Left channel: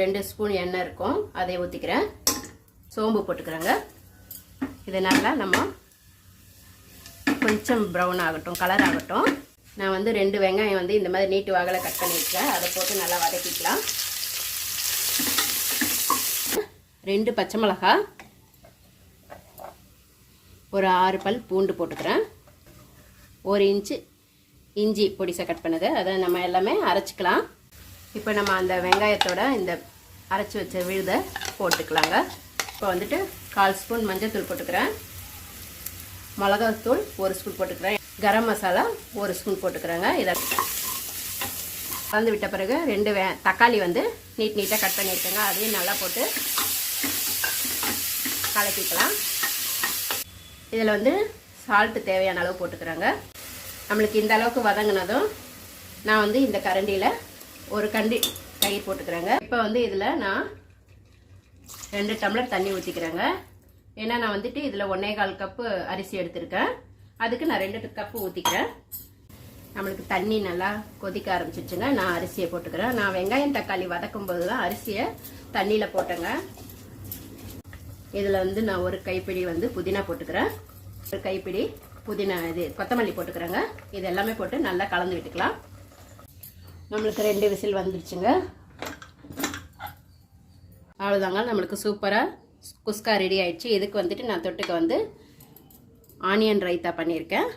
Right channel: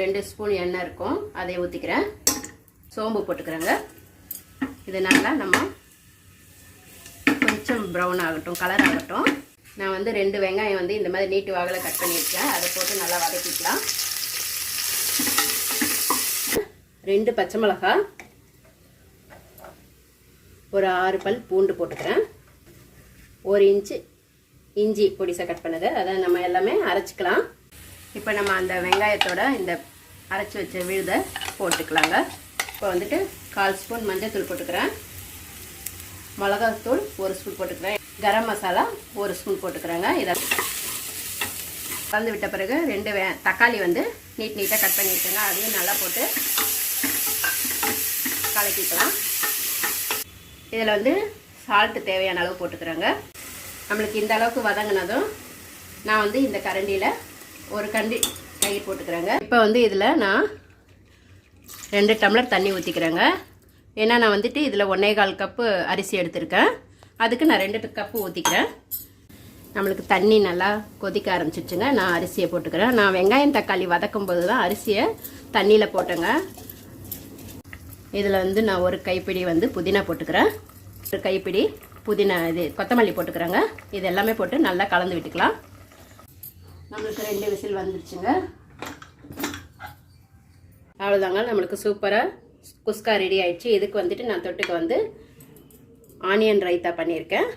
2 spoon எண்ணெய் இருக்கும், அதை ஊற்றிக்கிறேன். சோம்பு போட்டுக்கிறேங்க. இதனால் நம்ம கொஞ்சம் ப்ரௌன் ஆகட்டும், கலர் ஆகட்டும். நான் வந்து 2 வெங்காயம் வந்து இந்த மாதிரி நீட்டு வாகலை கட் பண்ணியிருக்கேன். அதை போட்டு நல்லா வதக்கிக்கலாம். 2 பச்சை மிளகாய், ஒரு 6 பல் பூண்டு போட்டுக்கிறேன். 1 இன்ச்சு இஞ்சி பொடிசாக கட் பண்ணது, அதை நம்ம எல்லாமே அரைச்சிக்கலாம். இப்போ நம்ம அந்த வெங்காயத்தோட இந்த அரைச்சி வச்ச விழுதை போட்டுக்கலாங்க. இப்போ வந்துட்டு 1/4 ஸ்பூன் மஞ்சள் தூள் போட்டுக்கிறேன். மிளகாத்தூள் 1 ஸ்பூன் போட்டுக்கிறேன். கரம் மசாலா 1 ஸ்பூன் போட்டுக்கிறேங்க. இதை கலந்து விட்ட பிறகு 2 தக்காளி வந்து நீட்டாக கட் பண்ணியிருக்கேங்க. அதையும் நல்லா போட்டு கலக்கிக்கலாம். இதில் வந்து சால்ட்டு தேவையான அளவு போட்டுக்கிறேங்க. நம்மளுக்கு இந்த அளவுக்கு வதங்கினதும் நான் வந்து இந்த கரண்டியில் ஒரு கண்டி தயிர் போட்டுக்கிறேங்க. இப்போ வந்து இதில் நான் 2 டம்ளர் தண்ணி ஊற்றிக்கிறேங்க. ஏன்னா நான் வந்துட்டு இதில் 1/4 கப்பு அரிசி எடுத்திருக்கேன். அதுக்கு நான் 2 கப்பு ஊற்றிக்கிறேன். நம்மளுக்கு தண்ணி நல்லா கொதிக்க ஆரம்பிச்சிருச்சுங்க. நான் அரிசியை போட்டுக்கிறேன். நான் வெங்காயம் தக்காளி வதக்கும் போது தான் அரிசியை தண்ணியில் போட்டேங்க. இதில் வந்து நான் ஒரு கைப்பிடி வந்து புதினா போட்டுக்கிறேன். ஒரு கைப்பிடி புதினா கொத்தமல்லி போட்டுக்கிறேங்க. இது எல்லாமே போட்டு நல்லா கலந்து விட்டுக்கலாம். நம்மளுக்கு 2 விசில் வந்துருச்சுங்க. அவ்வளோதாங்க, நம்மளுக்கு சூப்பராக குஸ்கா ரெடி ஆயிடுச்சு. இதுக்கு வந்துட்டு நான் தொட்டுக்க வந்து ஆனியன் ரைத்தா பண்ணியிருக்கேன்.